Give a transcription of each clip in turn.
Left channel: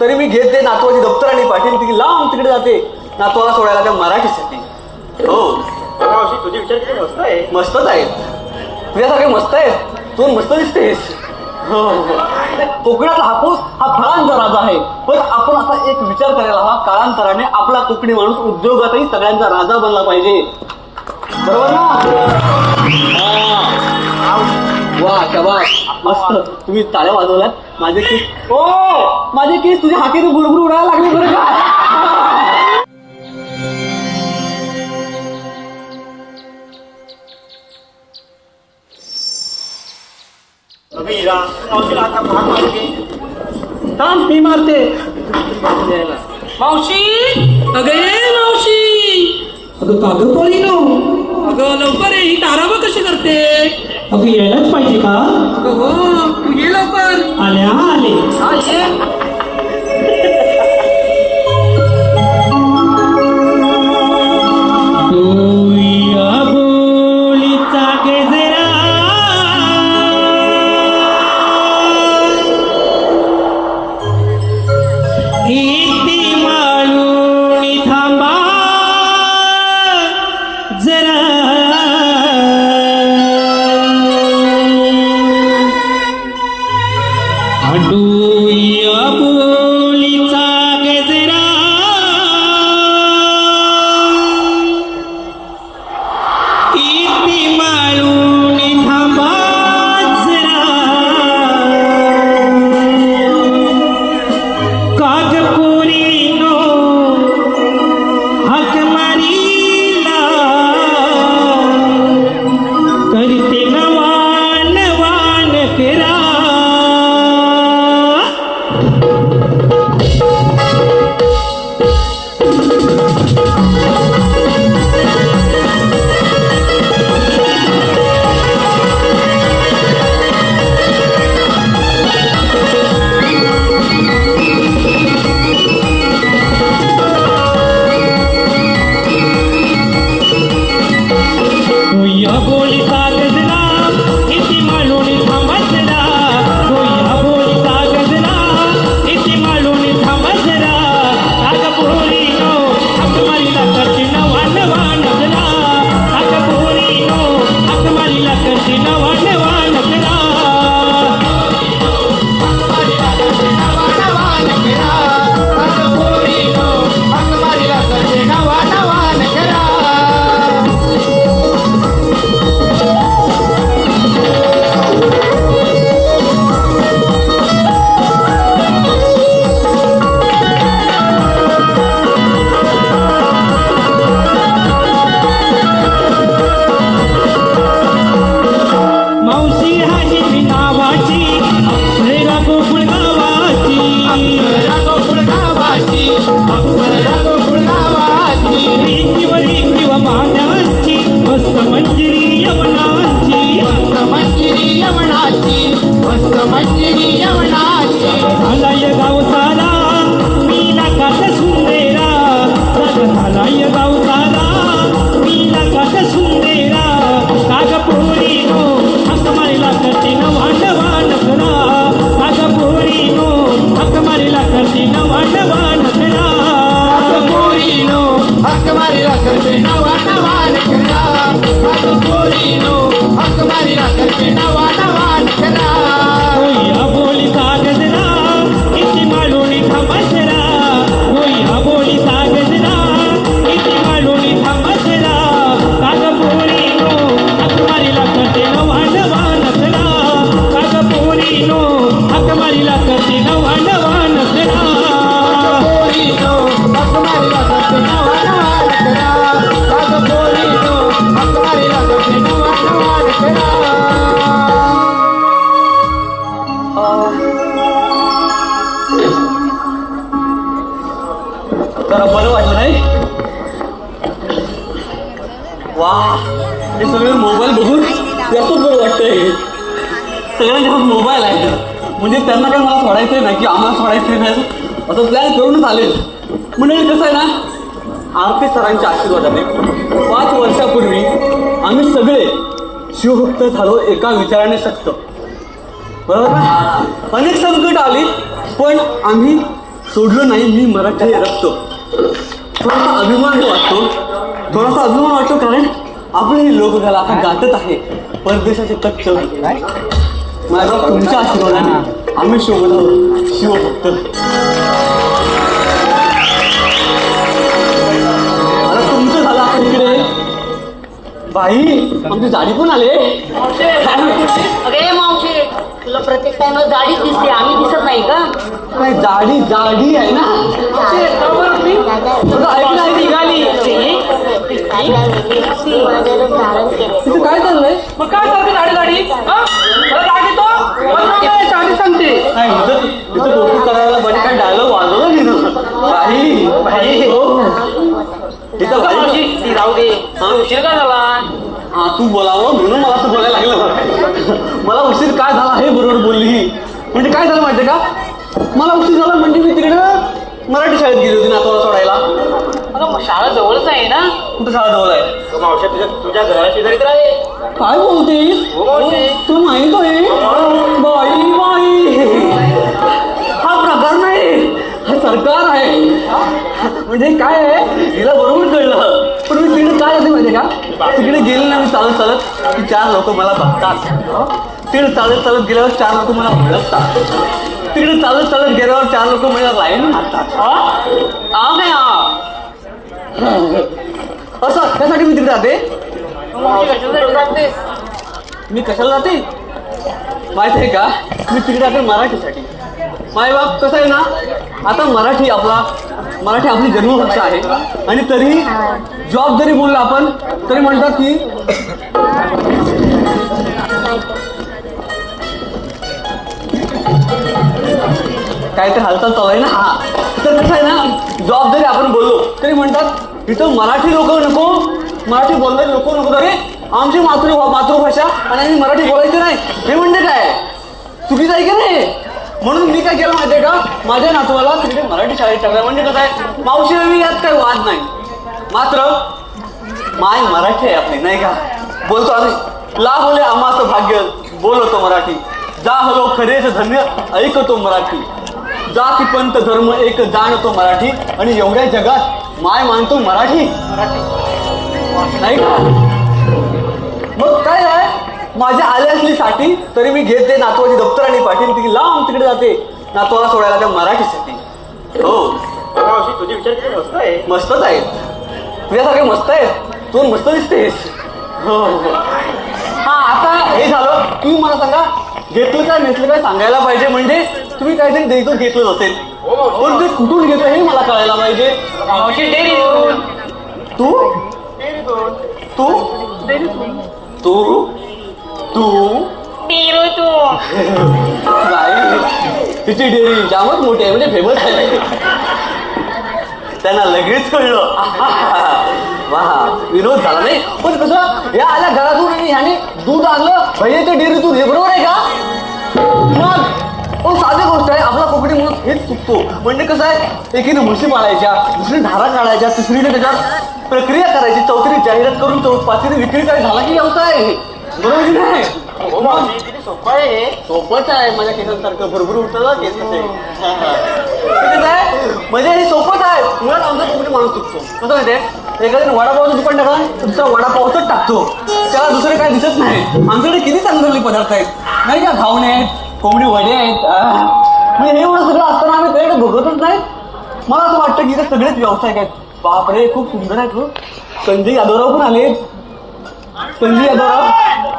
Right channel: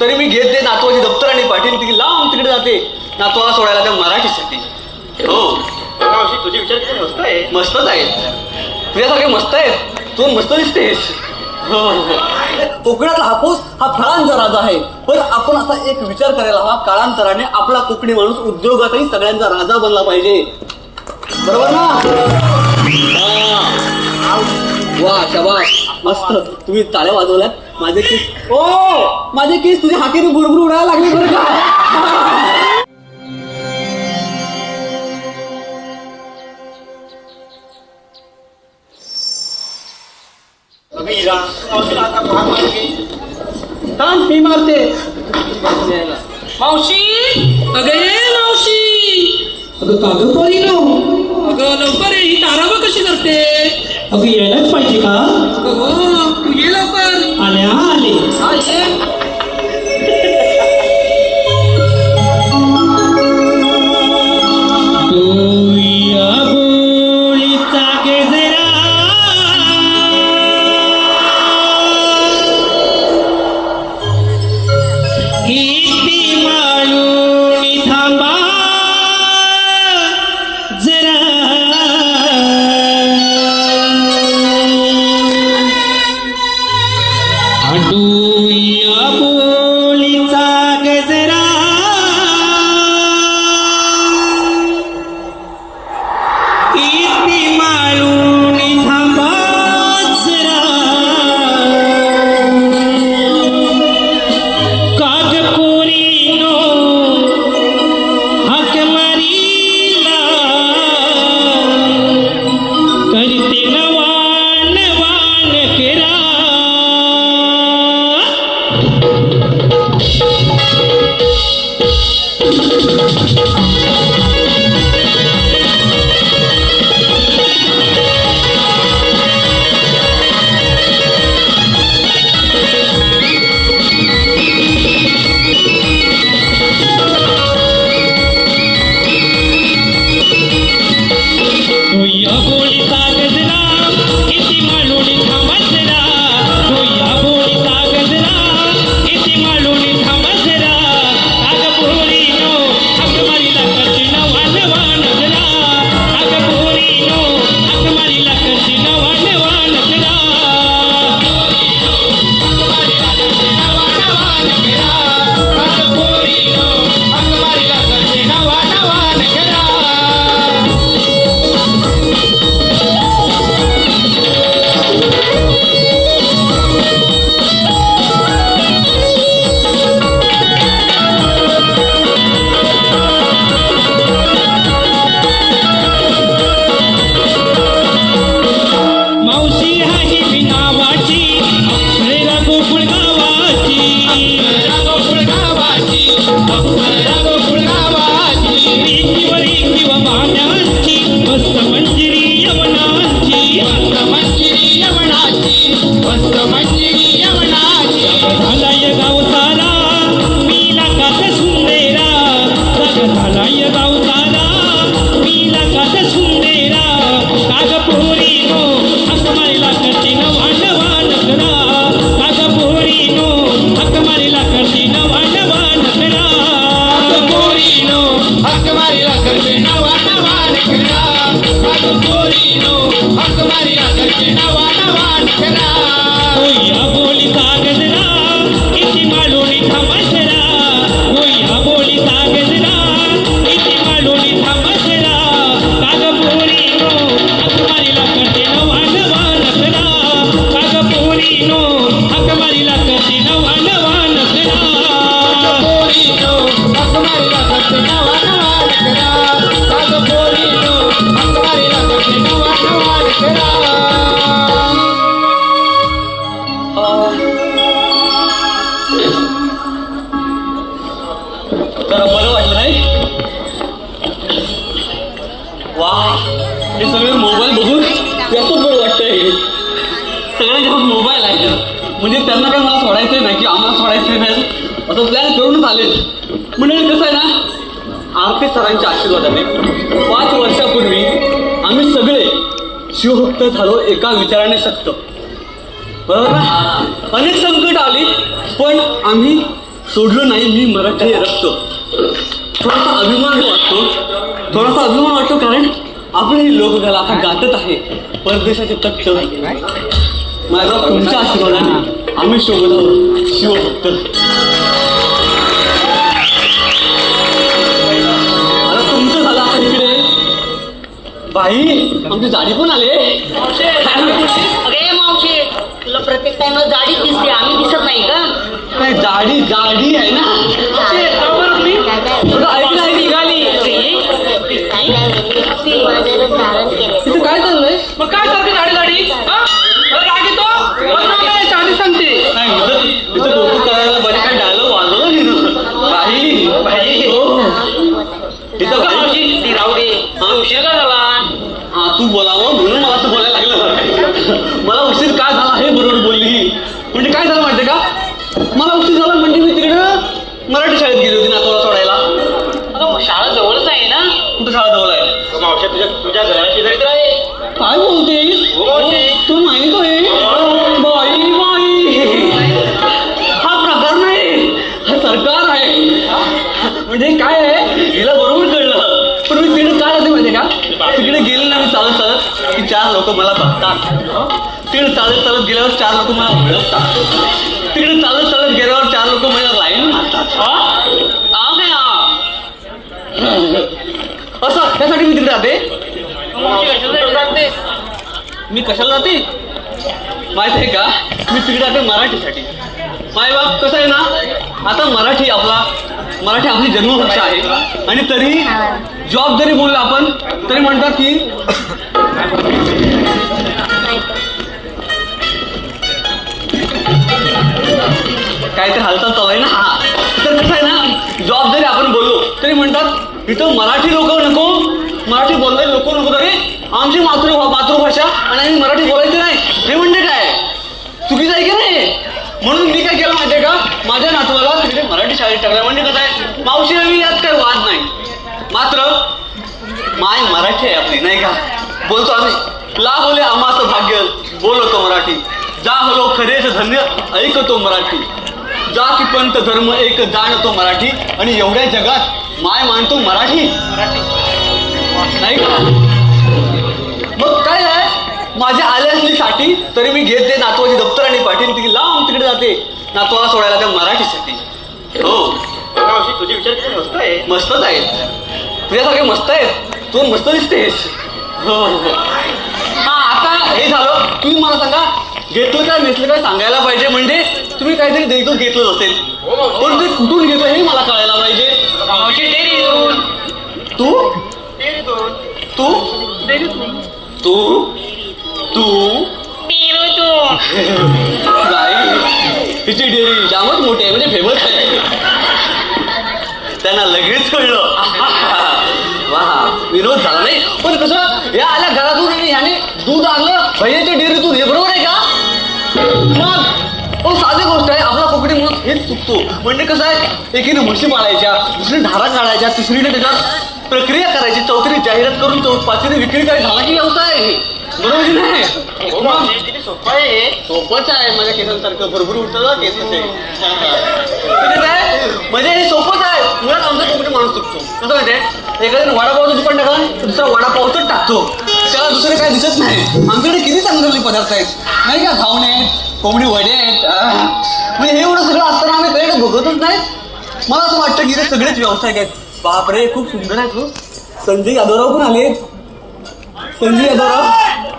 तरी मी घेते नातवाची दप्तर आणि पाठील ती लांब तिकडे जाते. नातवाला सोडायला त्या मराठीसाठी. हो. तुझे विचार मस्त आहे. मस्तच आहेत तुझ्यासारखे मस्त आहे. तू मस्त दिसतेस. हो, हो, हो. कोकणातला हापूस हा फळांचा राजा आहे. पण आपण असा एक विचार करायला हवा काळांतराने आपला कोकणी माणूस उद्योगातही सगळ्यांचा राजा बनला पाहिजे. बरोबर ना? वा शबास. मस्त. तुम्ही ताळ्या वाजवल्यात. माझे केस ओ! माझे केस तुझ्या हाकेने गुरगुर उडायला लागले बरं का? मी मारते मावशी अगे मावशी अगं कागद पाहिजे ना अगं लवकर ये, ही ताराबा कशी करते? अगं यायलाच पाहिजे का? हो ये लवकर. आल्या आले. You. म्हणजे कसं आहे ना आरती सरांच्या आशीर्वादाने पाच वर्षापूर्वी आम्ही सगळे शिवभक्त झालो एका विचाराने शकतो. बरोबर अनेक संकट आली पण आम्ही सोडलं नाही मी मराठी रक्त. थोडासा अभिमान वाटतो. थोडासा अभिमान वाटतो कारण आपलेही लोकगाला हा गातच आहे. परदेशाचे तख्त. माझा तुमच्या आशीर्वादाने आम्ही शोभत शिवभक्त. बाई आमची जाडी पण आले. अरे मावशी तुला प्रत्येक टाइमला गाडीच दिसते आम्ही दिसत नाही का? काय जाडी जाडी आहे ना. तिथे काय चाललंय? मग काय करते गाडी गाडी? हा? राग येतो? चांगली सांगते. करायला बरे काय डायलॉग वाजवलं नाही. काही ती राहू दे. उशीर का झाला. हा तू बोलावं तिकडे गेले ना मी चालत चालत की चार लोक मला बघतात. तिकडे चालत चालत गेल्यावर चार लोक मला ओळखतात. तिकडे चालत चालत गेल्यावर चार लोक मला लाईन मारतात आ हा आ असं त्यासाठी मी तिकडे जाते. मी कशाला जाते? माहिती आहे का? मी तिकडे जाते मराठीसाठी. माय बाप कसं आहे ना? आता मराठी आपला मराठी आपली जन्मभाषा आहे. आणि तरी जॉब जरी बोलला आपण तरी म्हणतात की काय तर हालचाल चालू आहे ना? हा. तर कसं आहे ना जॉब जरी आपण बोललो तरी म्हणतात इथं मराठी लोक नको मराठी बोलणारे लोक नको अरे आमची मातृ मातृभाषा आणि आम्ही मराठी बोलायची नाही. हे म्हणजे काय? चुकीचं आहे की नाही? म्हणून मी काय केलं माहितीये का? माझ्या नातवाला तिकडे मराठी शाळेत टाकलं. म्हणजे कसं आहे? मावशी मी यात काही वाद नाही. मात्र माय मराठी आहे आपली नाही का? बोलतो आम्ही. ला बोले आमाचं भाग्य बोलतो मराठी. जा हलो खरेच धन्य ऐकतो मराठी. जा की पंत धर्म एक जाणतो मराठी. आणि एवढ्या जगात माय मानतो मराठी. नाही का? मग काय आहे? माझ्या आल्या असली साठी तरी मी घेते नातवाची दप्तर आणि पाठी तिकडे लांब तिकडे जाते. नातवाला सोडायला त्या मराठीसाठी. हो. तुझे विचार आहे. मस्तच आहेत तुझ्यासारखे मस्त आहेत तू मस्त दिसतेस. हो हो. हा. आता हे झालं. तुम्ही मला सांगा घेतलं काय नसलं काय सांगायला पाहिजे? म्हणजे तुम्ही काहीतरी देतो घेतलं असेल. हो पण ते कुठून घेतो हे मला कळायला पाहिजे. तू? तू? तू? तू? तिची डेअरी जामच मोठी आहे म्हणजे फेमस आहे. त्यांना लगेच कळलं. वा विनोद झाला नाही. पण कसं या आल्या घरातून आणि ह्याने दूध आणलं. भैयाच्या डेअरीतून हे बरोबर आहे का? मग हो साधी गोष्ट आहे आपला कोकणी म्हणून हेच चुकतो. म्हणजे कसं आहे एकीने म्हशी पाळायच्या दुसरीने धारा काढायच्या तिसरीने त्याच्यात प्रक्रिया करायची चौथीने जाहिरात करून चौ पाचवीने विक्री काय झाला की व्यवसाय आहे हे. बरोबर नाही? हो सोपं आहे सोपंच आहे माझ्या केसांसारखं भरभर काय म्हणजे हे आहे मुळात आमचा कोकणी माणूस चुकतो कसं माहितीये? एखाद्याने वडापावचं दुकान टाका दुसरा वडापावच टाकतो. त्याला दुसरं काय दिसत नाही. आमच्याकडे किती चांगले पदार्थ आहेत. नाही का? घावणे आहेत कोंबडी वडे आहेत. म्हणजे हे एवढं सगळं असताना आम्ही त्याकडे बघतच नाही. मला असं वाटतं की ते सगळेच व्यावसायिक आहेत. बापरे खूप सुंदर आहेत हो. संजय यादवराव पण आले संजय यादवराव.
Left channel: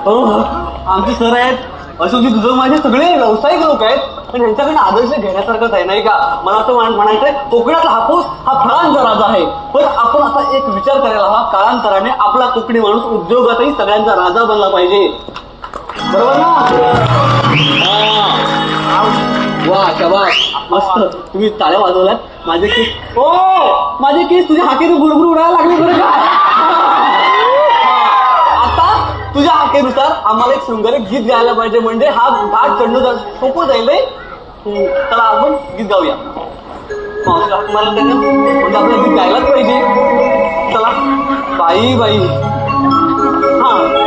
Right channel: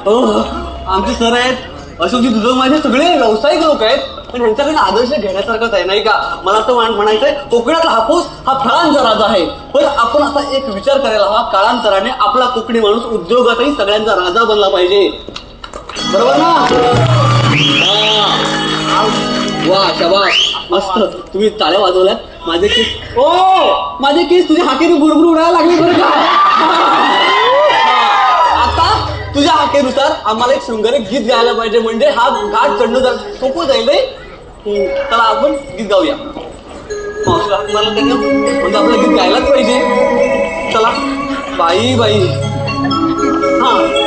हो, हो. आमचे सर आहेत. अशोकजी तुझं माझे सगळे व्यावसायिक लोक आहेत पण ह्यांच्याकडनं आदर्श घेण्यासारखंच आहे नाही का? मला असं म्हणायचंय कोकणातला हापूस हा फळांचा राजा आहे. पण आपण असा एक विचार करायला हवा काळांतराने आपला कोकणी माणूस उद्योगातही सगळ्यांचा राजा बनला पाहिजे. बरोबर ना? वा शबाश मस्त. तुम्ही ताळ्या वाजवल्यात. माझे केस ओ! माझे केस तुझ्या हाकेने गुरगुर उडायला लागले बरं का? मातेनुसार आम्हाला एक शृंगारिक गीत गायला पाहिजे म्हणजे हा घाट चढणं सोपं जाईल त्याला आपण गीत गाऊया. मला म्हणजे आपलं गीत गायलाच पाहिजे. चला. बाई बाई. हा.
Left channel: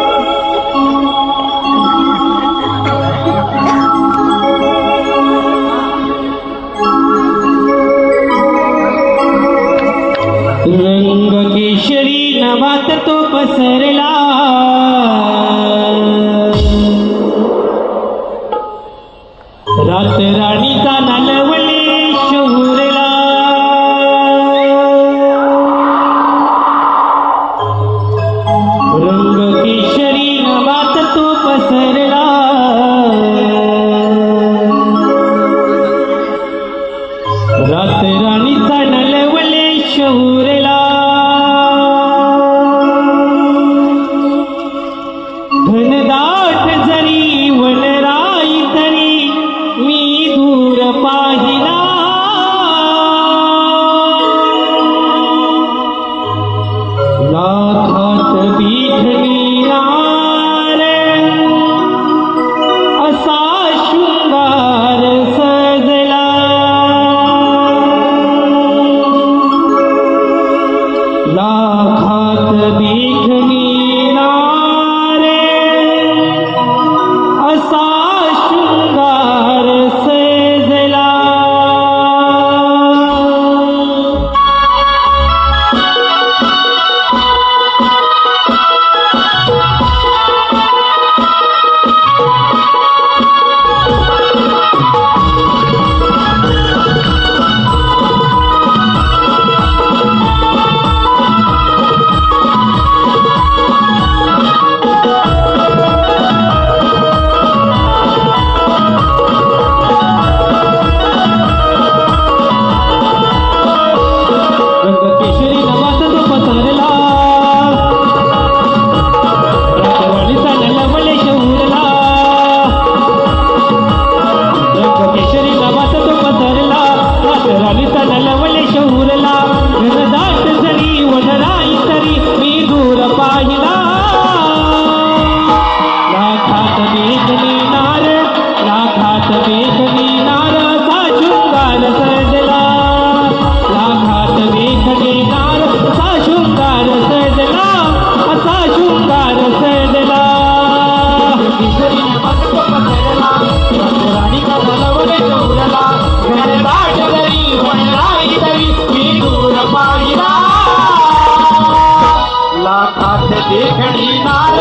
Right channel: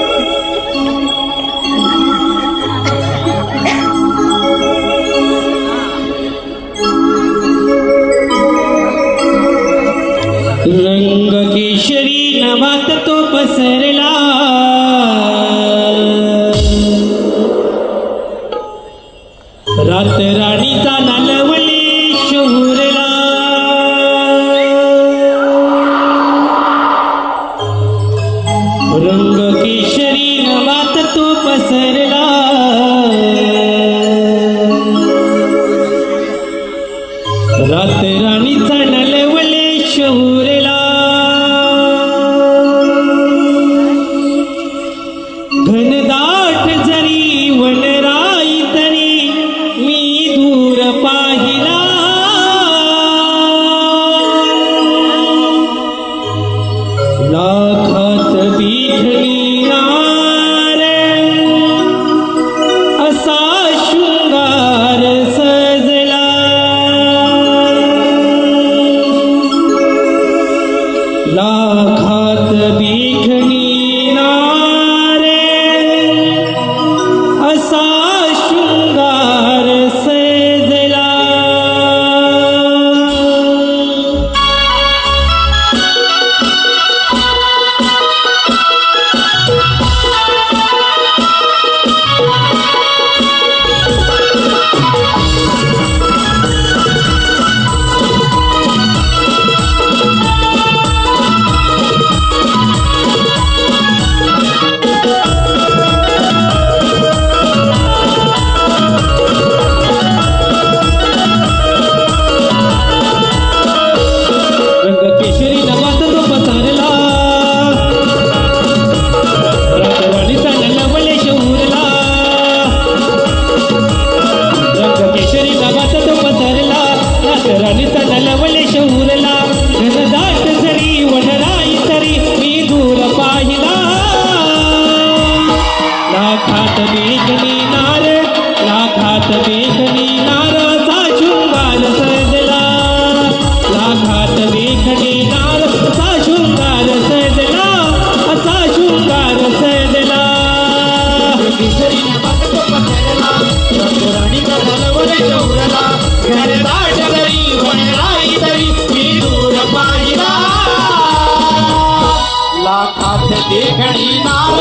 देखणी नार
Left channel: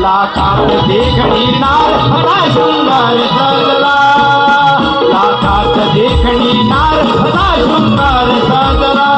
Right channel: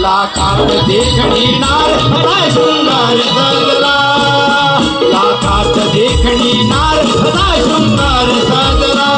लाखात देखणी नार सदा सुंदर सजला लाखात देखणी नार सदा सुंदर सजला.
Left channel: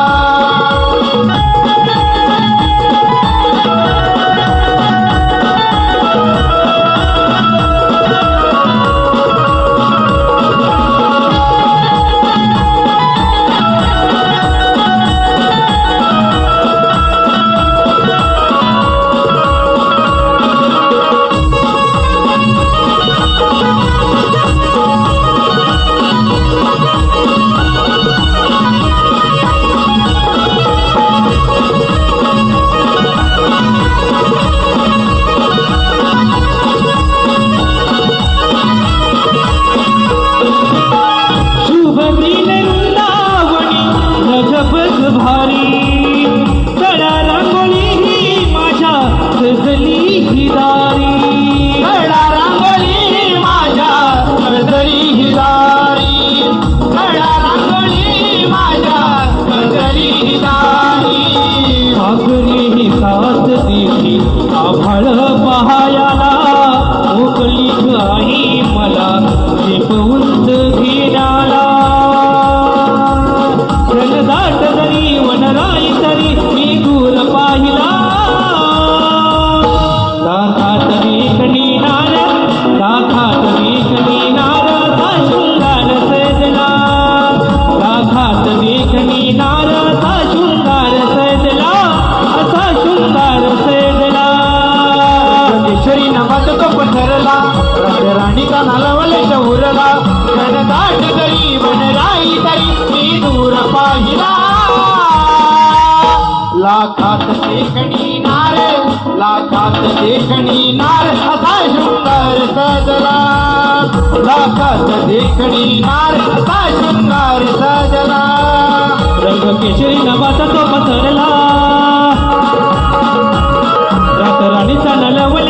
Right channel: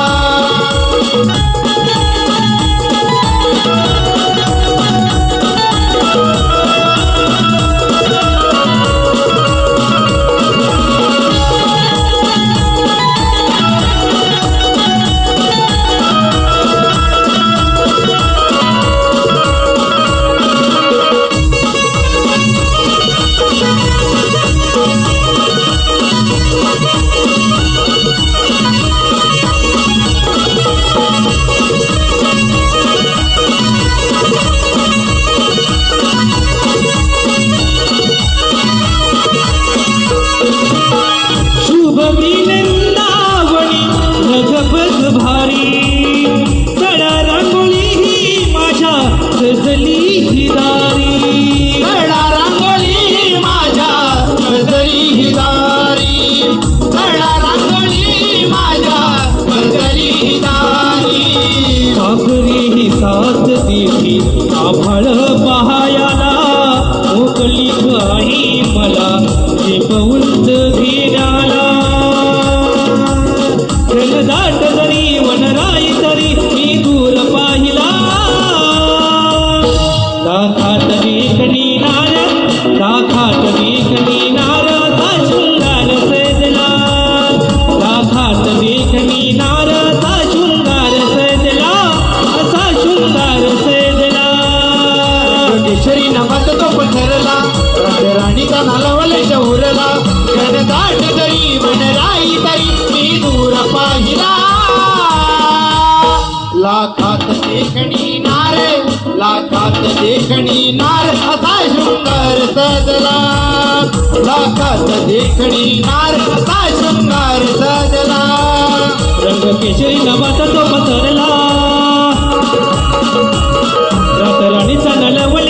लाखात देखणी नार लाखात देखणी नार असा सुंदर सजला. लाखात देखणी नार असा सुंदर सजला. रंग केशरी नवाचा तो पसरला. रातराणीचा नलवण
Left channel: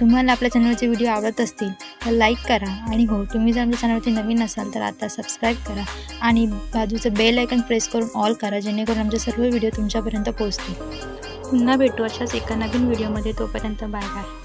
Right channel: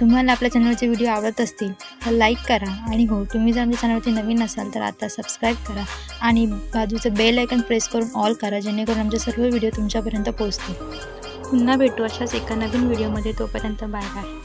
तुम्हाला आपल्या चॅनलचे व्हिडिओ आवडत असतील तर लाईक करा. आणि हो तुम्ही जर आमच्या चॅनलवरती नवीन असाल तर आता सबस्क्राईब करा. आणि बाजूचं बेल आयकन प्रेस करून ऑल करा जेणेकरून आमचे सर्व व्हिडिओ तुमच्यापर्यंत पोहोचतील. पुन्हा भेटू अशाच एका नवीन व्हिडिओमध्ये तोपर्यंत बाय बाय